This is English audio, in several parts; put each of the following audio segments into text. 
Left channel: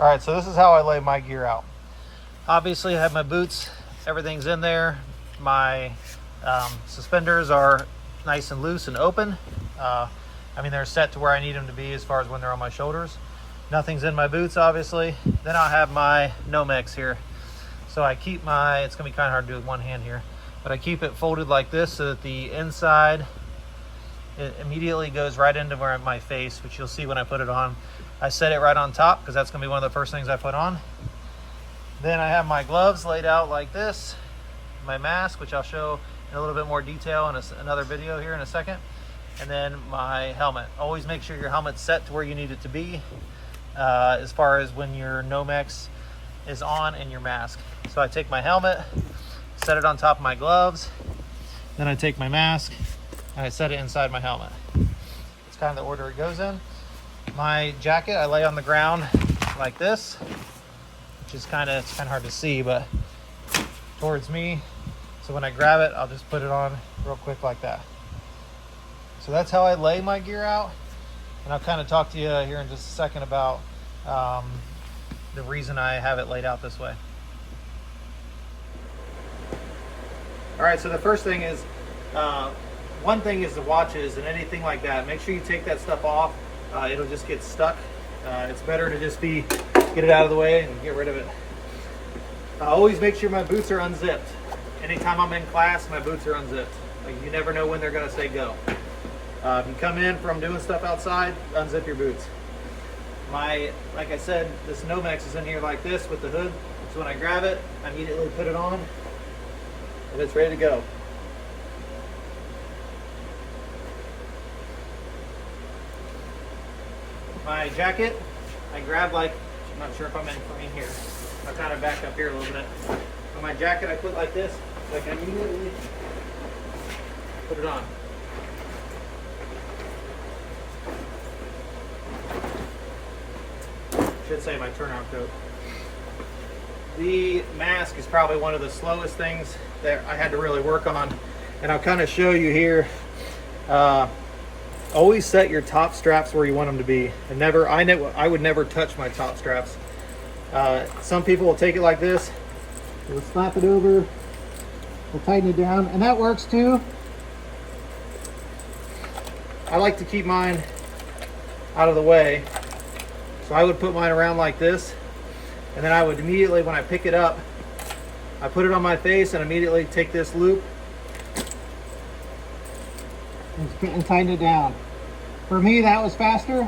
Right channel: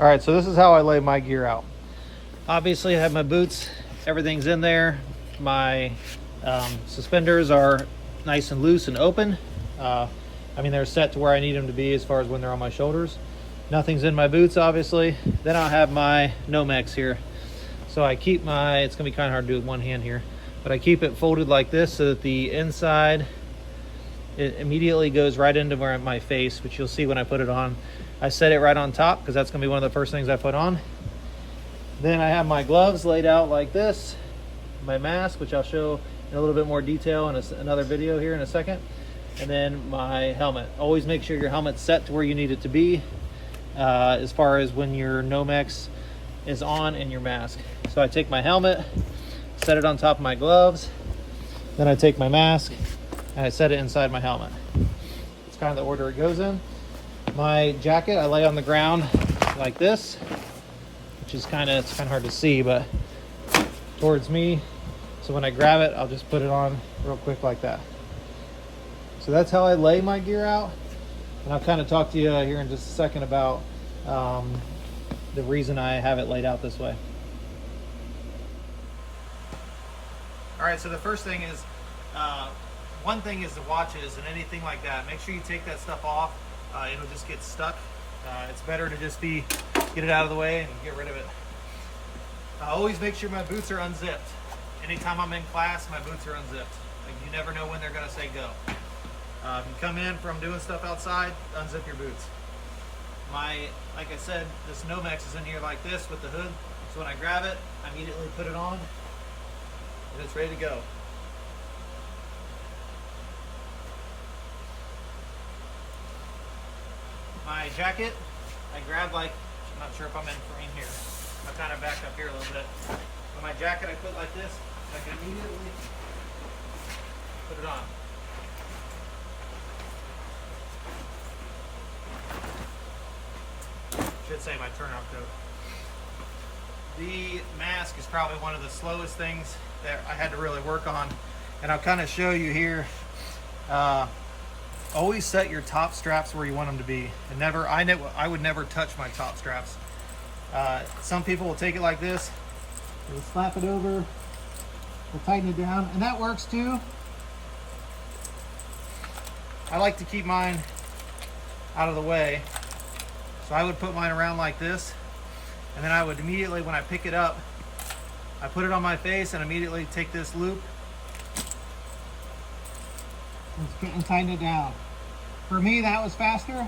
All right, so this is how I lay my gear out. Obviously I have my boots, everything's in there. My suspenders are nice and loose and open. I mean, they're set to where I need them to be as far as when they're on my shoulders. Nothing's in my boots, obviously. Then I'll have my Nomex here. So I keep my, it's gonna be kind of hard to do with one hand here, but I keep it folded like this so that the inside, it immediately goes right into my face, which you'll see when I put it on. I set it right on top because that's gonna be one of the first things I put on. Then I have my gloves laid out like this, my mask, which I'll show in a little bit more detail in another video here in a second, and then my helmet. Always make sure your helmet's set to where you need it to be as far as when your Nomex is on and your mask. So I take my helmet, set it on top of my gloves, then I take my mask and I set it inside my helmet. It's kind of the order it goes in. My jacket I lay on the ground like this, which is it's kind of hard to see, but towards me. So when I grab it, I'll just put it on real quick like that. So that's how I lay my gear out. And I'll kind of talk to you here in just a second about the reason I have it laid out this way. All right, so the first thing is, one thing is the watches and anything like that. Make sure you take that stuff off. It'll just get stuck. It's better to just get it out of the way and get rid of it. I always make sure my boots are unzipped. Anytime I'm in class, my boots are unzipped. Like, you never know when they're gonna say go. If you come in from doing stuff outside, unzip your boots. Like I said, this Nomex is in here like this with the hood. So when I grab it, I immediately put it on and it's ready to go. My jacket, I grab I'm not sure if I'm in frame here. I'll kind of back up here a little bit. On my jacket, I put like this, like I immediately put it on. Should say my turnout coat. The mask is probably one of the slowest things that I had to really work on, and I'll kind of show you here. Always set your top straps where you want them to be. I would never touch my top straps. Some people will take it like this. They'll slap it over. They'll tighten it down, and that works too. I like to keep mine out of the way. So I would put mine around like this, and then I would immediately, when I pick it up, I put it on my face and immediately take this loop and tighten it down. For me, that was faster.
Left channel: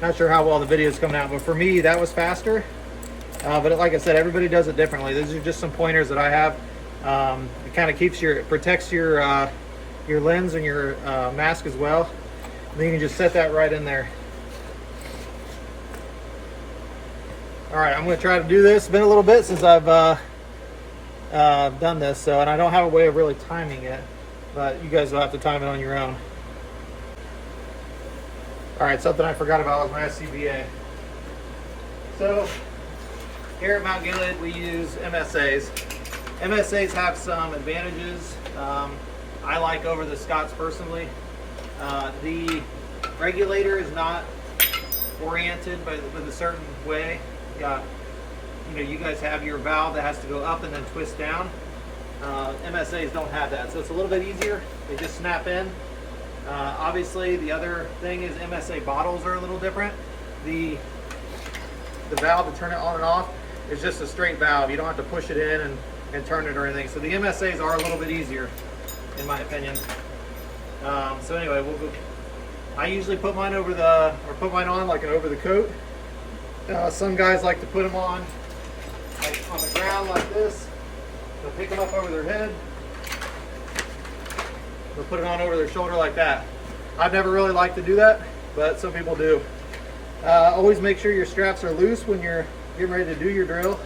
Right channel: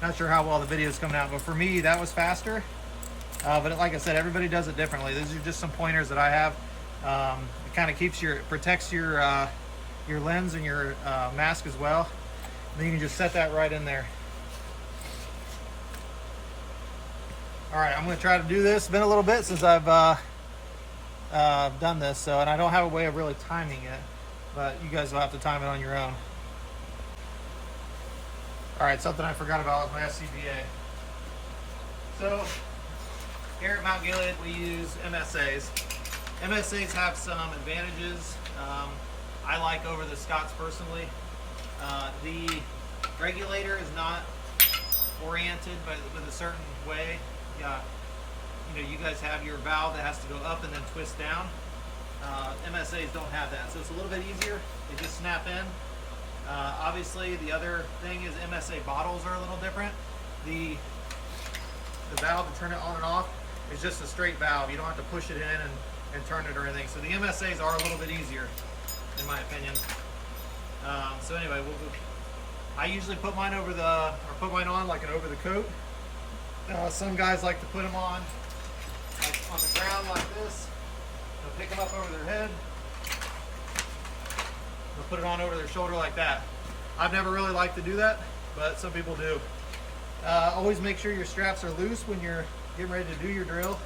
Not sure how well the video is coming out, but for me, that was faster. But like I said, everybody does it differently. These are just some pointers that I have. It kind of protects your lens and your mask as well. And then you can just set that right in there. All right, I'm going to try to do this. It's been a little bit since I've done this, and I don't have a way of really timing it, but you guys will have to time it on your own. All right, something I forgot about was my SCBA. So here at Mount Gilead, we use MSAs. MSAs have some advantages I like over the Scotts personally. The regulator is not oriented with a certain way. You guys have your valve that has to go up and then twist down. MSAs don't have that, so it's a little bit easier. They just snap in. Obviously, the other thing is MSA bottles are a little different. The valve to turn it on and off is just a straight valve. You don't have to push it in and turn it or anything. So the MSAs are a little bit easier, in my opinion. So anyway, I usually put mine on like an over the coat. Some guys like to put them on like on the ground like this. They'll pick them up over their head. They'll put it on over their shoulder like that. I've never really liked to do that, but some people do. Always make sure your straps are loose when you're getting ready to do your drill.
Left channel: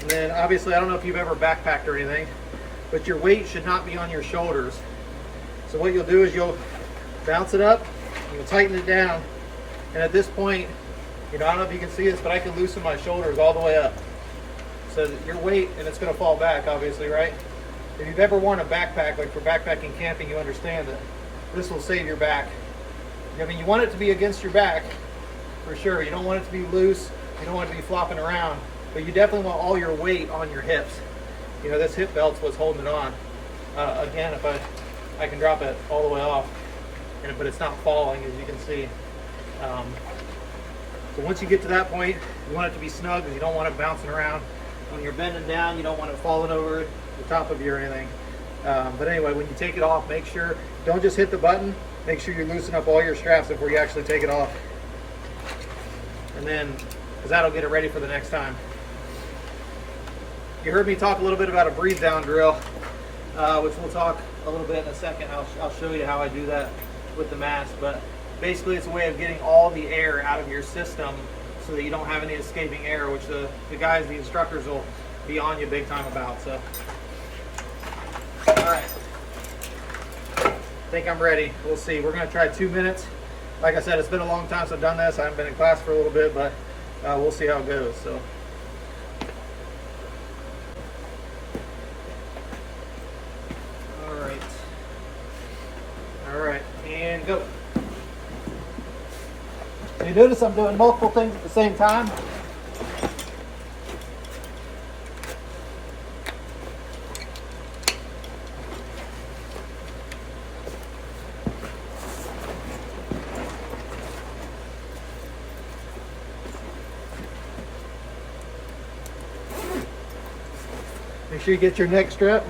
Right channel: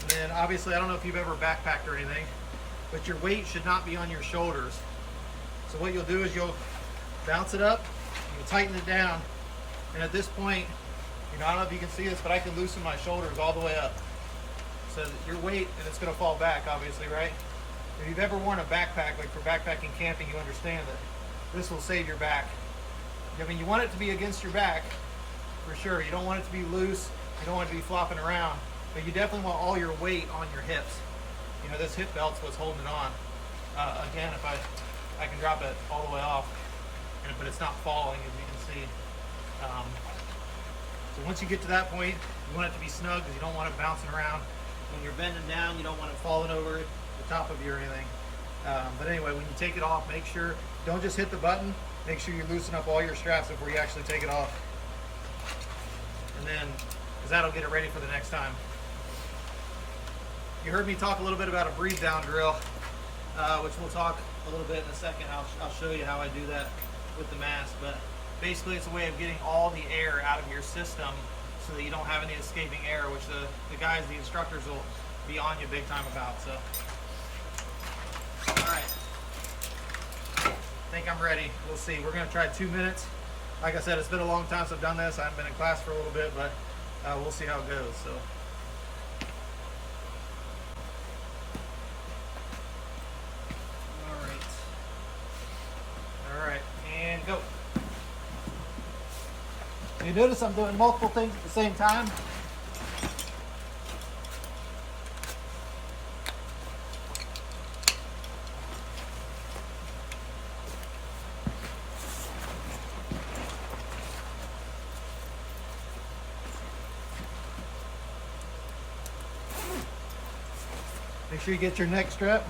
And then obviously, I don't know if you've ever backpacked or anything, but your weight should not be on your shoulders. So what you'll do is you'll bounce it up, you'll tighten it down, and at this point, I don't know if you can see this, but I can loosen my shoulders all the way up. So that your weight, and it's going to fall back, obviously, right? If you've ever worn a backpack, like for backpacking camping, you understand that this will save your back. I mean, you want it to be against your back, for sure. You don't want it to be loose. You don't want it to be flopping around, but you definitely want all your weight on your hips. You know, this hip belt's what's holding it on. Again, if I can drop it all the way off, but it's not falling, as you can see. So once you get to that point, you want it to be snug because you don't want it bouncing around. When you're bending down, you don't want it falling over the top of you or anything. But anyway, when you take it off, make sure, don't just hit the button, make sure you loosen up all your straps before you actually take it off. And then, because that'll get it ready for the next time. You heard me talk a little bit about a breathe down drill, which we'll talk a little bit in a second. I'll show you how I do that with the mask, but basically it's a way of getting all the air out of your system so that you don't have any escaping air, which the guys, the instructors, will be on you big time about. So, all right, I think I'm ready. We'll see. We're gonna try 2 minutes. Like I said, it's been a long time since I've done this. I haven't been in class for a little bit, but we'll see how it goes. So. All right, and go. So you notice I'm doing multiple things at the same time. Make sure you get your neck strap.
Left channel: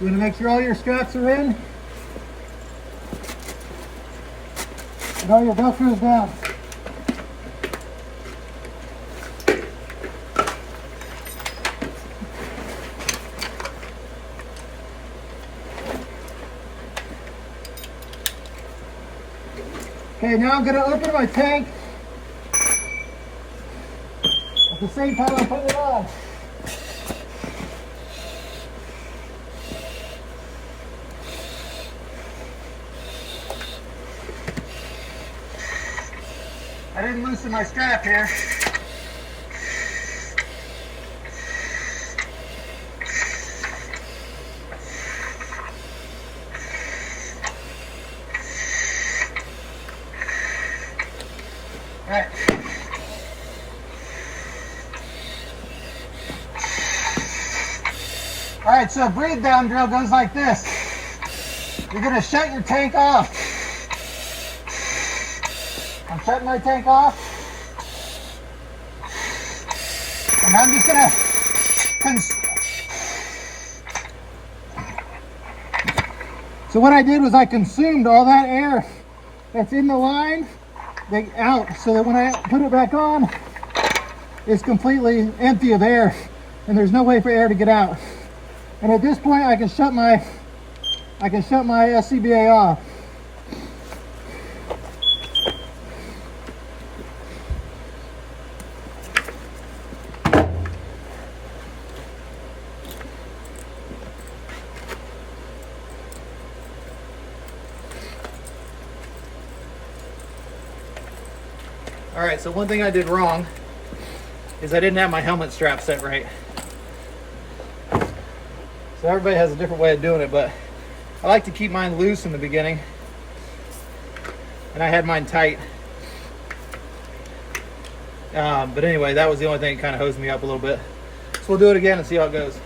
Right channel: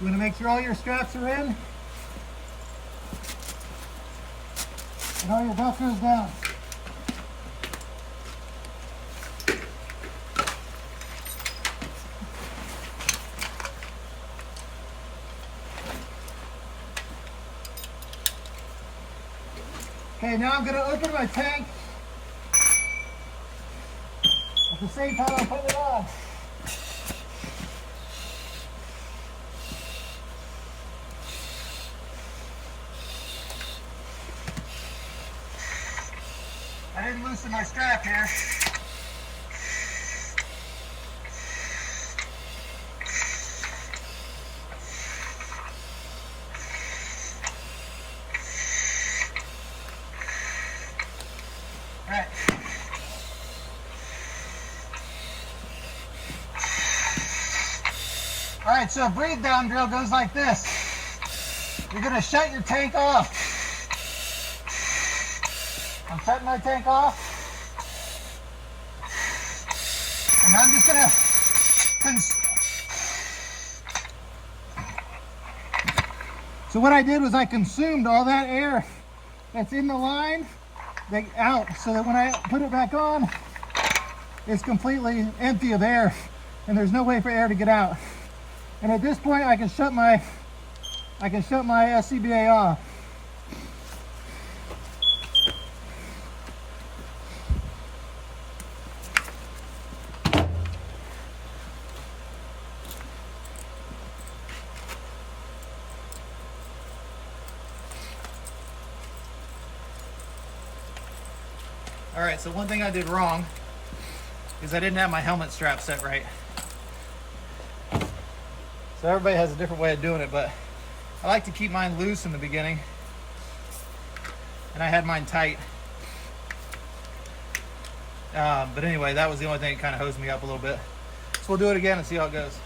You want to make sure all your straps are in and all your velcro's down. Okay, now I'm going to open my tank at the same time I'm putting it on. I didn't loosen my strap here. All right. All right, so a breathe down drill goes like this. You're gonna shut your tank off. I'm shutting my tank off. And I'm just gonna so what I did was I consumed all that air that's in the line out, so that when I put it back on, it's completely empty of air and there's no way for air to get out. And at this point I can shut my SCBA off. All right, so one thing I did wrong is I didn't have my helmet strap set right. So everybody has a different way of doing it, but I like to keep mine loose in the beginning. And I had mine tight. But anyway, that was the only thing that kind of hosed me up a little bit. So we'll do it again and see how it goes.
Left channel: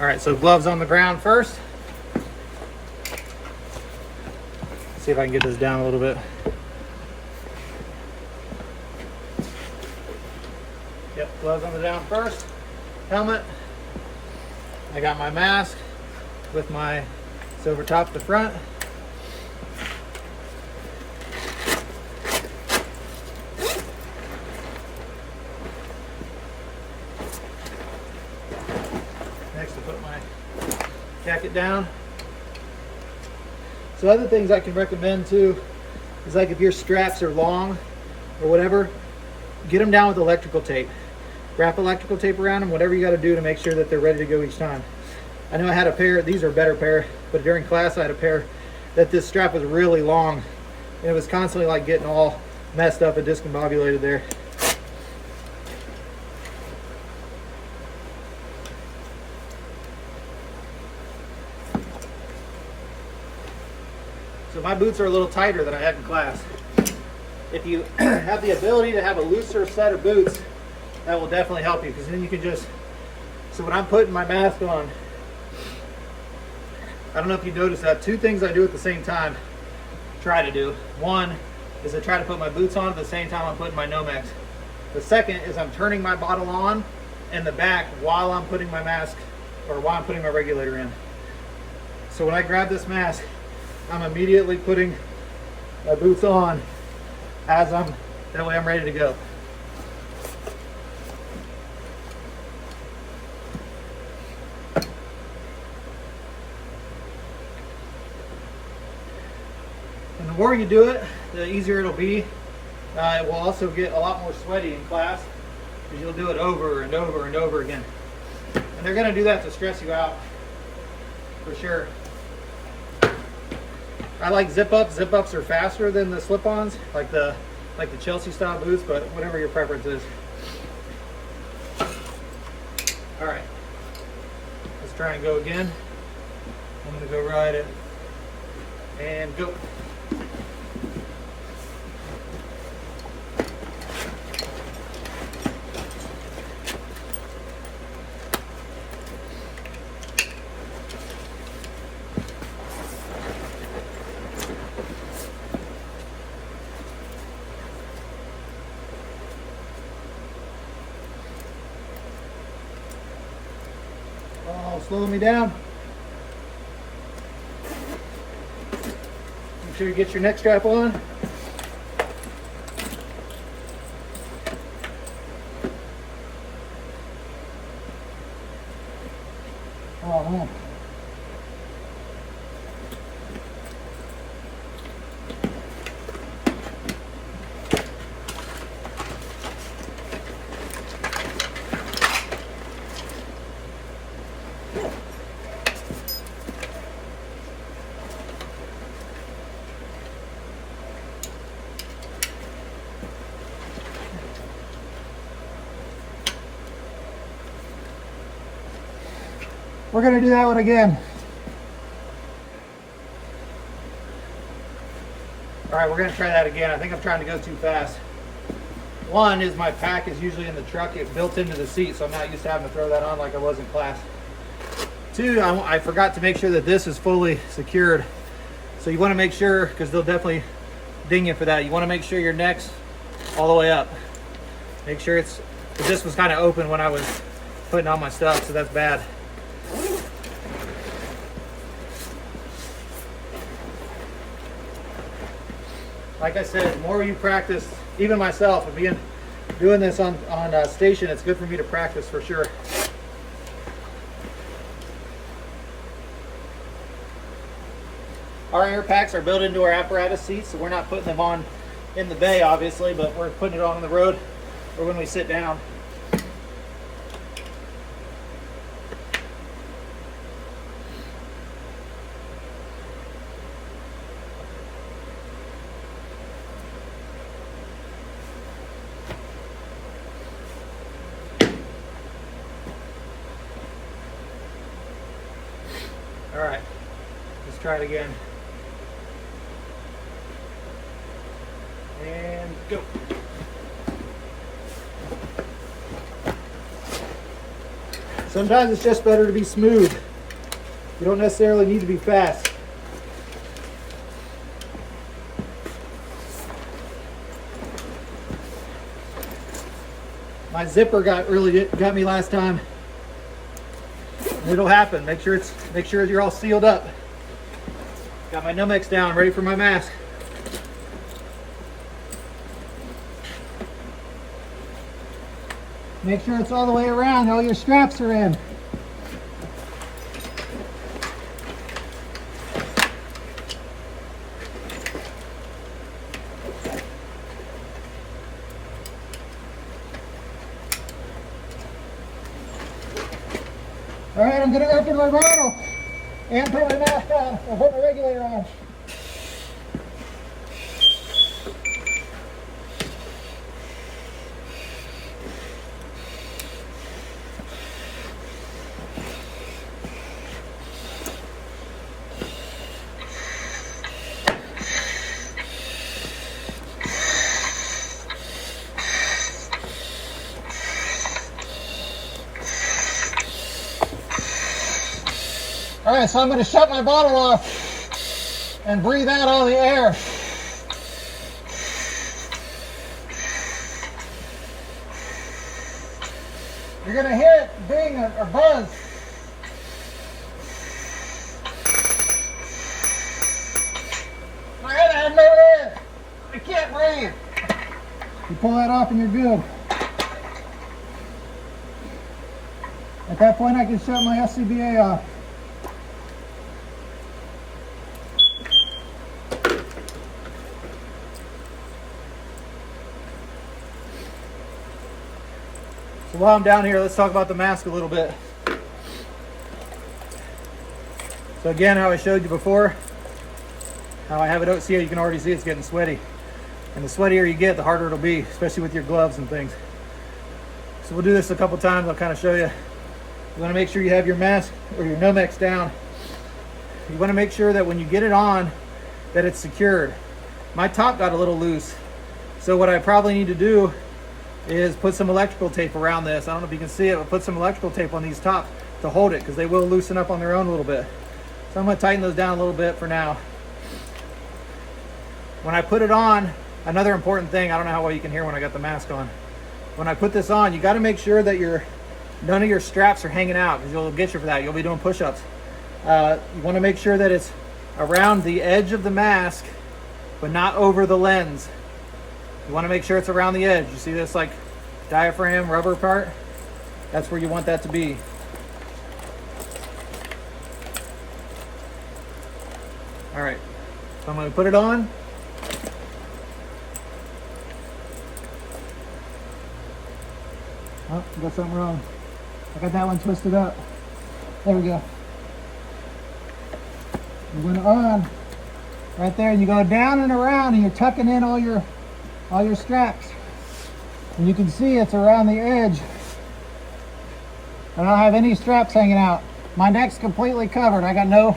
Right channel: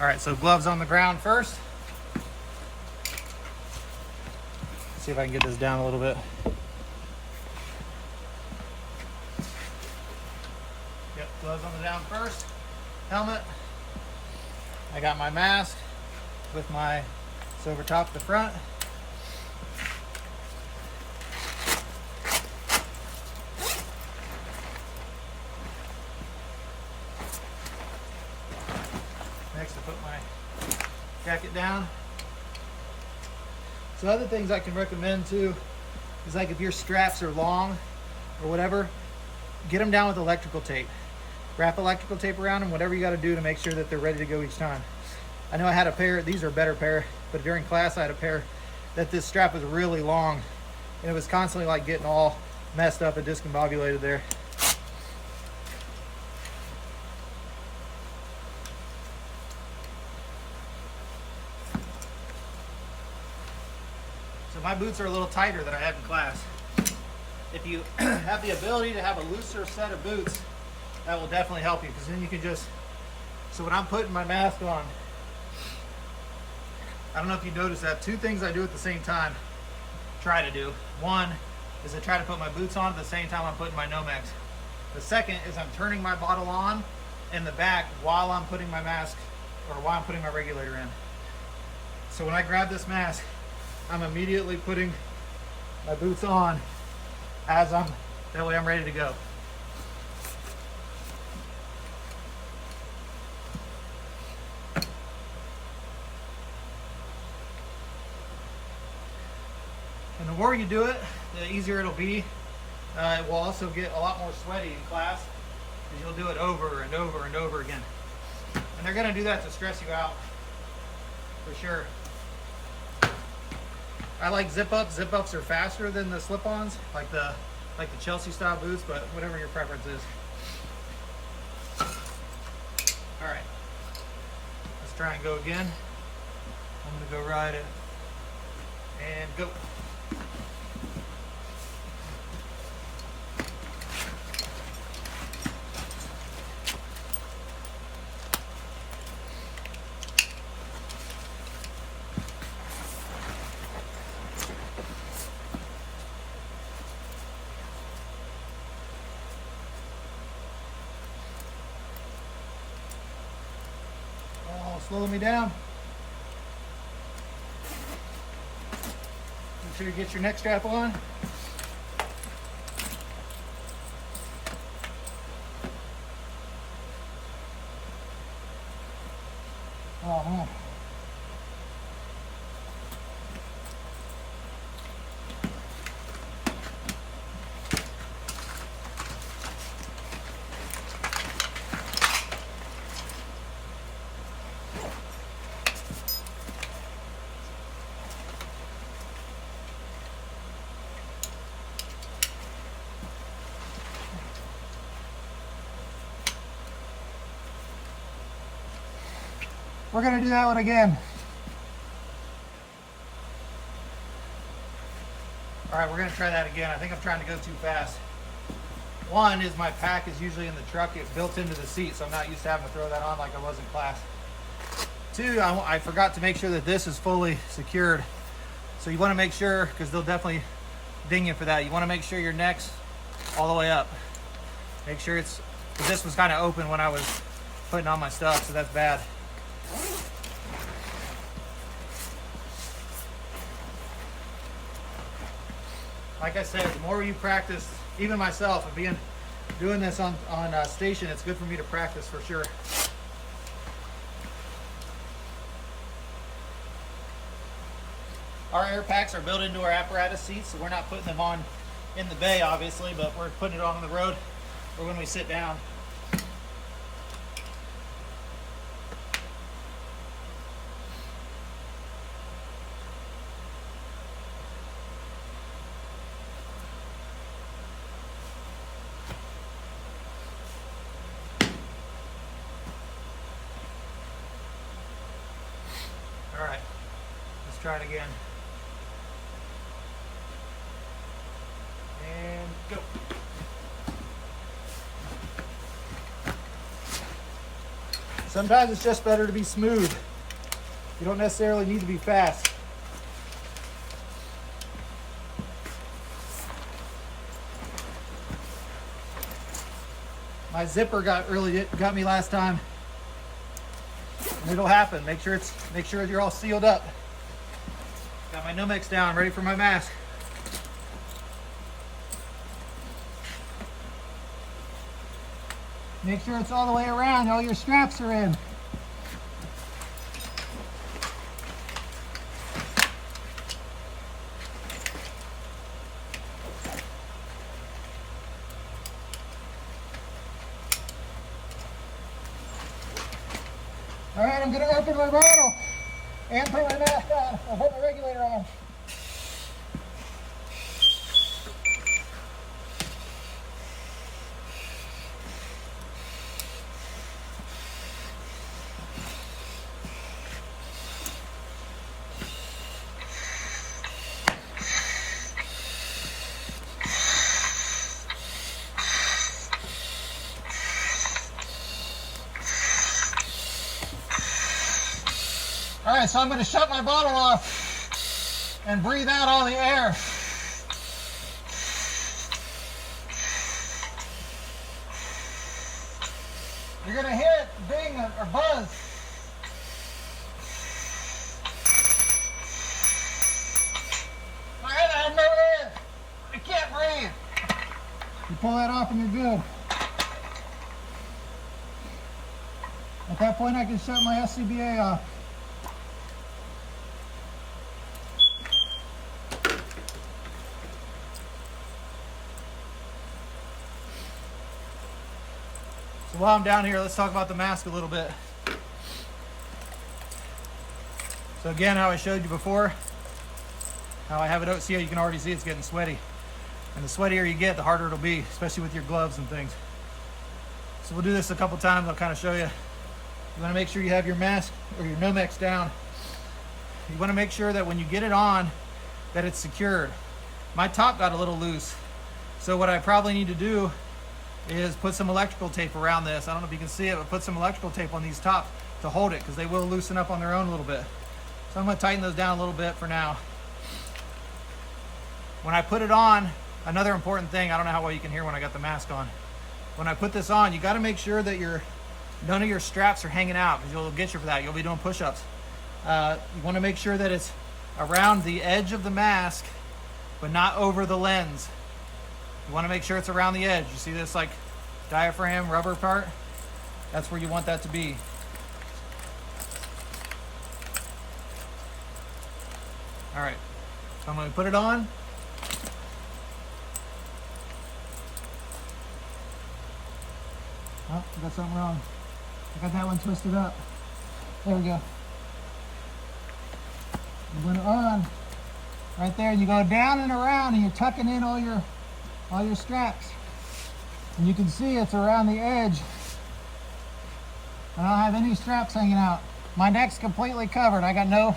All right, so gloves on the ground first. See if I can get this down a little bit. Yep, gloves on the down first. Helmet. I got my mask with my silver top at the front. Next, I put my jacket down. So other things I can recommend too is, like, if your straps are long or whatever, get them down with electrical tape. wrap electrical tape around them, whatever you got to do to make sure that they're ready to go each time. I know I had a pair, these are a better pair, but during class I had a pair that this strap was really long and it was constantly like getting all messed up and discombobulated there. So my boots are a little tighter than I had in class. If you have the ability to have a looser set of boots, that will definitely help you, because then you can just, so when I'm putting my mask on, I don't know if you noticed that, two things I do at the same time, try to do. One is I try to put my boots on at the same time I'm putting my Nomex. The second is I'm turning my bottle on in the back while I'm putting my mask, or while I'm putting my regulator in. So when I grab this mask, I'm immediately putting my boots on as that way I'm ready to go. And the more you do it, the easier it'll be. It will also get a lot more sweaty in class because you'll do it over and over and over again. And they're going to do that to stress you out, for sure. I like zip-ups. Zip-ups are faster than the slip-ons, like the Chelsea style boots, but whatever your preference is. All right, let's try and go again. I'm going to go right in and go. Slow me down. Make sure you get your neck strap on. Oh, we're going to do that one again. All right, we're going to try that again. I think I'm trying to go too fast. One is my pack is usually in the truck. It's built into the seat, so I'm not used to having to throw that on like I was in class. Two, I forgot to make sure that this is fully secured. So you want to make sure, because they'll definitely ding you for that, you want to make sure your neck's all the way up. Make sure it's, because this was kind of open when I was putting on my stuff, so that's bad. Like I said, the more you practice, even myself, doing this on station, it's good for me to practice for sure. Our air packs are built into our apparatus seats, so we're not putting them on in the bay, obviously, but we're putting it on the road or when we sit down. All right, let's try it again. And go. Sometimes it's just better to be smooth. You don't necessarily need to be fast. My zipper got me last time. It'll happen. Make sure you're all sealed up. Got my Nomex down, ready for my mask. Make sure it's all the way around, all your straps are in. All right, I'm gonna open my bottle and put my mask on. I'll put my regulator on. All right, so I'm going to shut my bottle off and breathe out all the air. You're going to hear it ding or buzz. All right, I have no air. I can't breathe. You pull that off and you're good. At that point, I can shut my SCBA off. So while I'm down here, let's talk about the mask a little bit. So again, how I showed you before, how I have it out, see how you can already see it's getting sweaty. And the sweatier you get, the harder it'll be, especially with your gloves and things. So we'll do this a couple times, I'll kind of show you. You want to make sure you have your mask or your Nomex down. You want to make sure that when you get it on, that it's secured. My top got a little loose. So what I probably need to do is put some electrical tape around this. I don't know if you can see it, but put some electrical tape on these tops to hold it, because they will loosen up on their own a little bit. So I'm going to tighten those down a little bit for now. When I put it on, another important thing, I don't know how well you can hear when I got the mask on. When I put this on, you got to make sure that none of your straps are hanging out, because you'll get you for that. You'll be doing push-ups. You want to make sure that it's around the edge of the mask, but not over the lens. You want to make sure it's around the edge. You see this like diaphragm rubber part? That's where you want that to be. All right, so I'm going to put it on. Oh, I got something wrong. I got that one twisted up. There we go. You went on right there, and you go down and around, and you're tucking in all your straps. And you can see it's around the edge. I don't have any straps hanging out. My neck's completely covered. I got no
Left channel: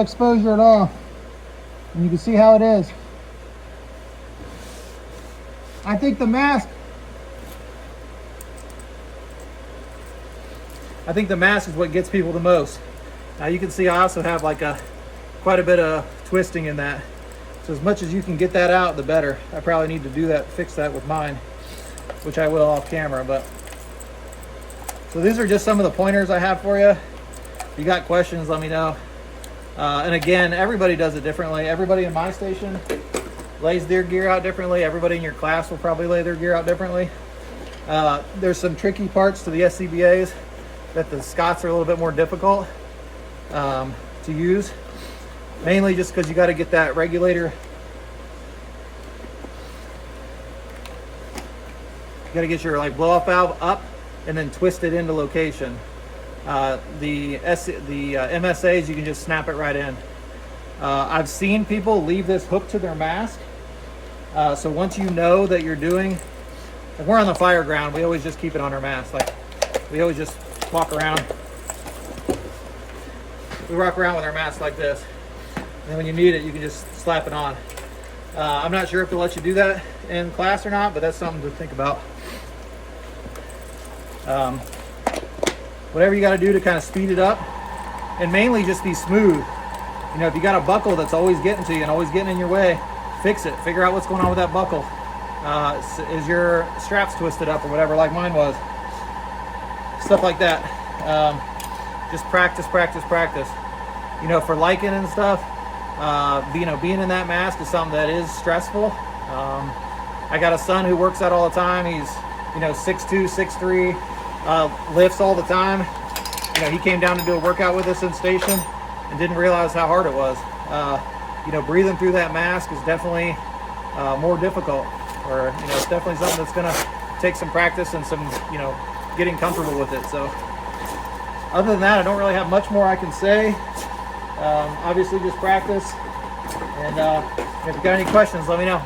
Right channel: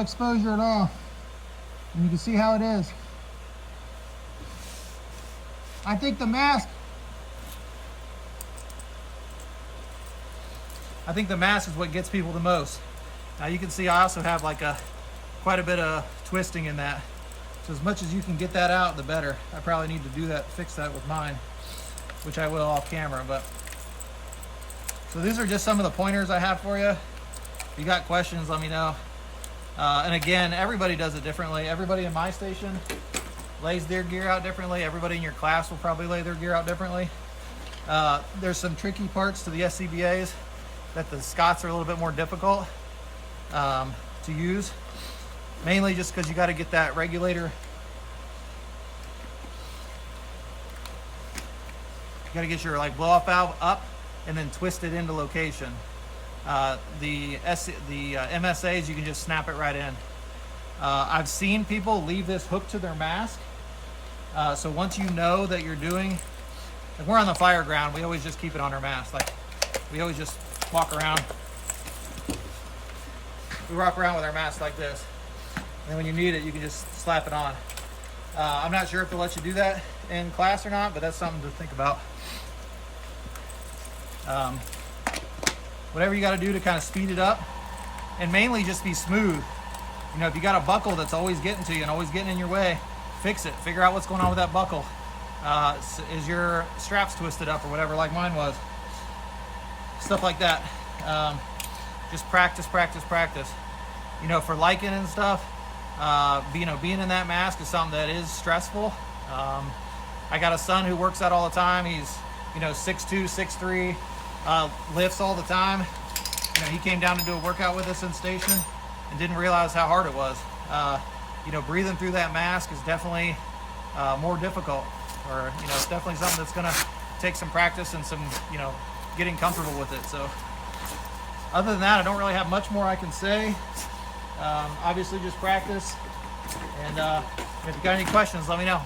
exposure at all. And you can see how it is. I think the mask is what gets people the most. Now you can see I also have like quite a bit of twisting in that. So as much as you can get that out, the better. I probably need to do that, fix that with mine, which I will off camera. But so these are just some of the pointers I have for you. If you got questions, let me know. And again, everybody does it differently. Everybody in my station lays their gear out differently. Everybody in your class will probably lay their gear out differently. There's some tricky parts to the SCBAs that the Scots are a little bit more difficult to use. Mainly just because you got to get that regulator. You got to get your like blow off valve up and then twist it into location. The MSAs, you can just snap it right in. I've seen people leave this hooked to their mask. So once you know that you're doing, if we're on the fire ground, we always just keep it on our mask. Like we always just walk around. We walk around with our mask like this. And then when you need it, you can just slap it on. I'm not sure if they'll let you do that in class or not, but that's something to think about. Whatever you got to do to kind of speed it up, and mainly just be smooth. You know, if you got a buckle that's always getting to you and always getting in your way, fix it. Figure out what's going on with that buckle. Is your straps twisted up or whatever, like mine was? Stuff like that. Just practice, practice, practice. You know, for lichen and stuff, being in that mask is something that is stressful. I got a son who works out all the time. He's, 6'2", 6'3", lifts all the time. He came down to do a workout with us in station and didn't realize how hard it was. Breathing through that mask is definitely more difficult, or it's definitely something that's gonna take some practice and some getting comfortable with it. So Other than that, I don't really have much more I can say. Obviously just practice, and if you got any questions, let me know.